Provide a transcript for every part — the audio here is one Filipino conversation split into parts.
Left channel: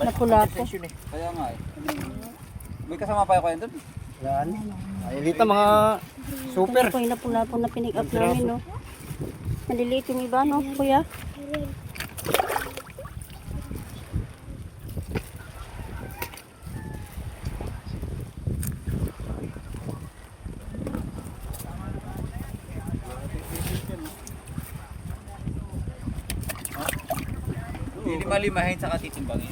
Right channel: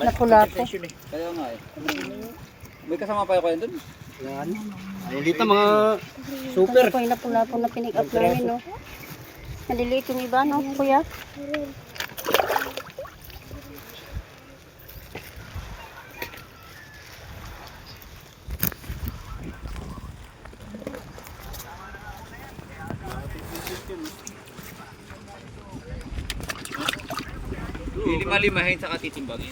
Napula po. Kaya nga eh. May kasama pa kayo doon? Yan. Ay, dito mga super. Ito po yung napula po na pinick up namin, no? Maliliit yung iba, no, kuya? Lima-limahin sa katitimbangin.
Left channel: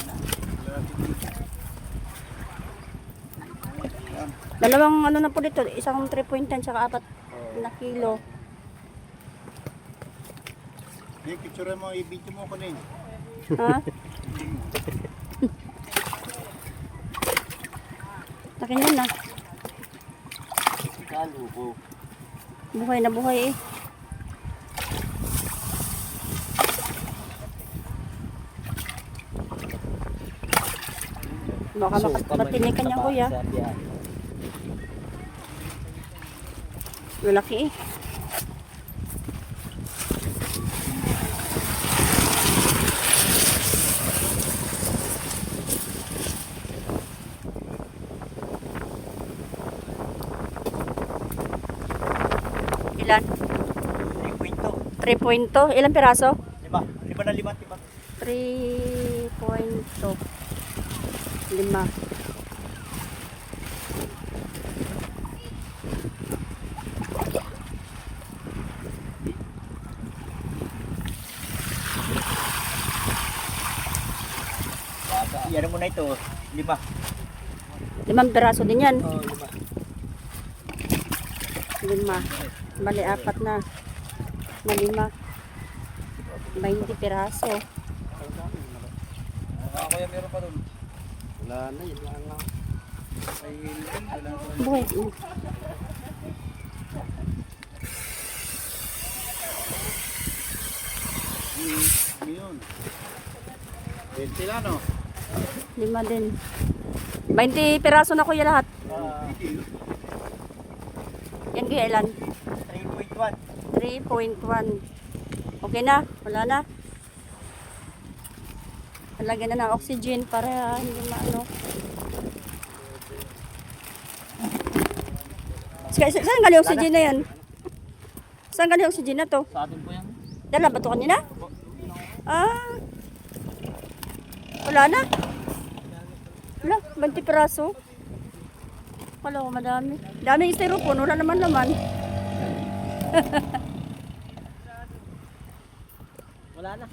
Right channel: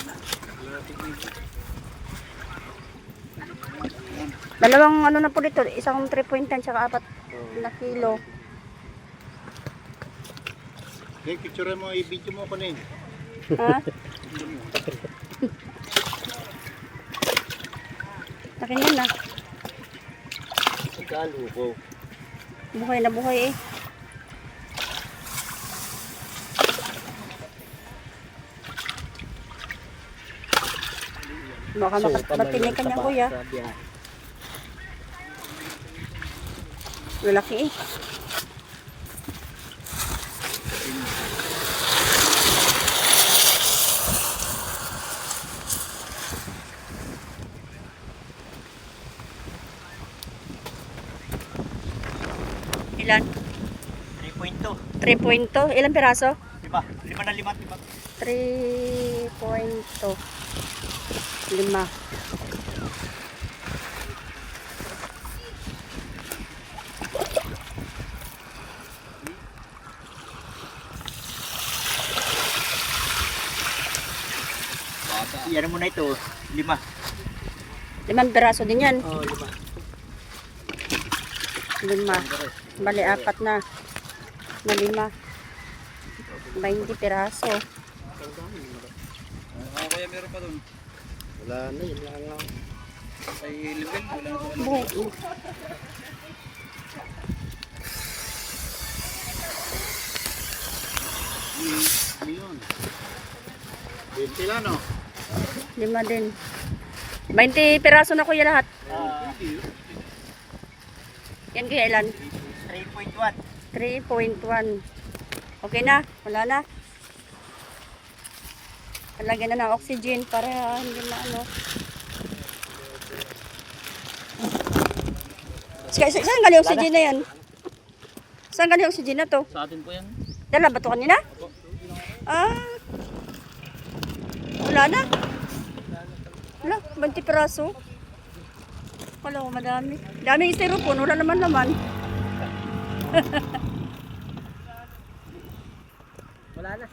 Dalawang ano na po dito, isang 3.10 tsaka 4 na kilo. Hey, picture mo, i-video mo ko na yun. Ha? Takin yun na. Kalo ko. Buhay na buhay eh. Baka nakatinig ka niya, kuya. Lalaki eh. Ilan? 3.2. 3.2. Ilang piraso? 5 na 5. 3.2. 5. Yan mo na ito, 5. 5 piraso din yan. Oh, 5. 5. Bali, 4 na. Na 5. 20 piraso. Kaya meron pa doon. Wala na, wala na. Ay, level, wala na. Buhay eh. Ano yun? 20 lang, no? 5 din. 20 piraso na kuya lahat. Yan kuya ilan? 3.1. 3.1. Okay na? Wala na? Lagyan na ng oxygen para hindi na ano. Saan galing oxygen na yan? Saan galing oxygen na to? Sa atin po yan. Dala ba to kanina? Ah. Wala na. Wala, 20 piraso. Wala ko madami. Daming styrofoam, wala naman naman. Wala na.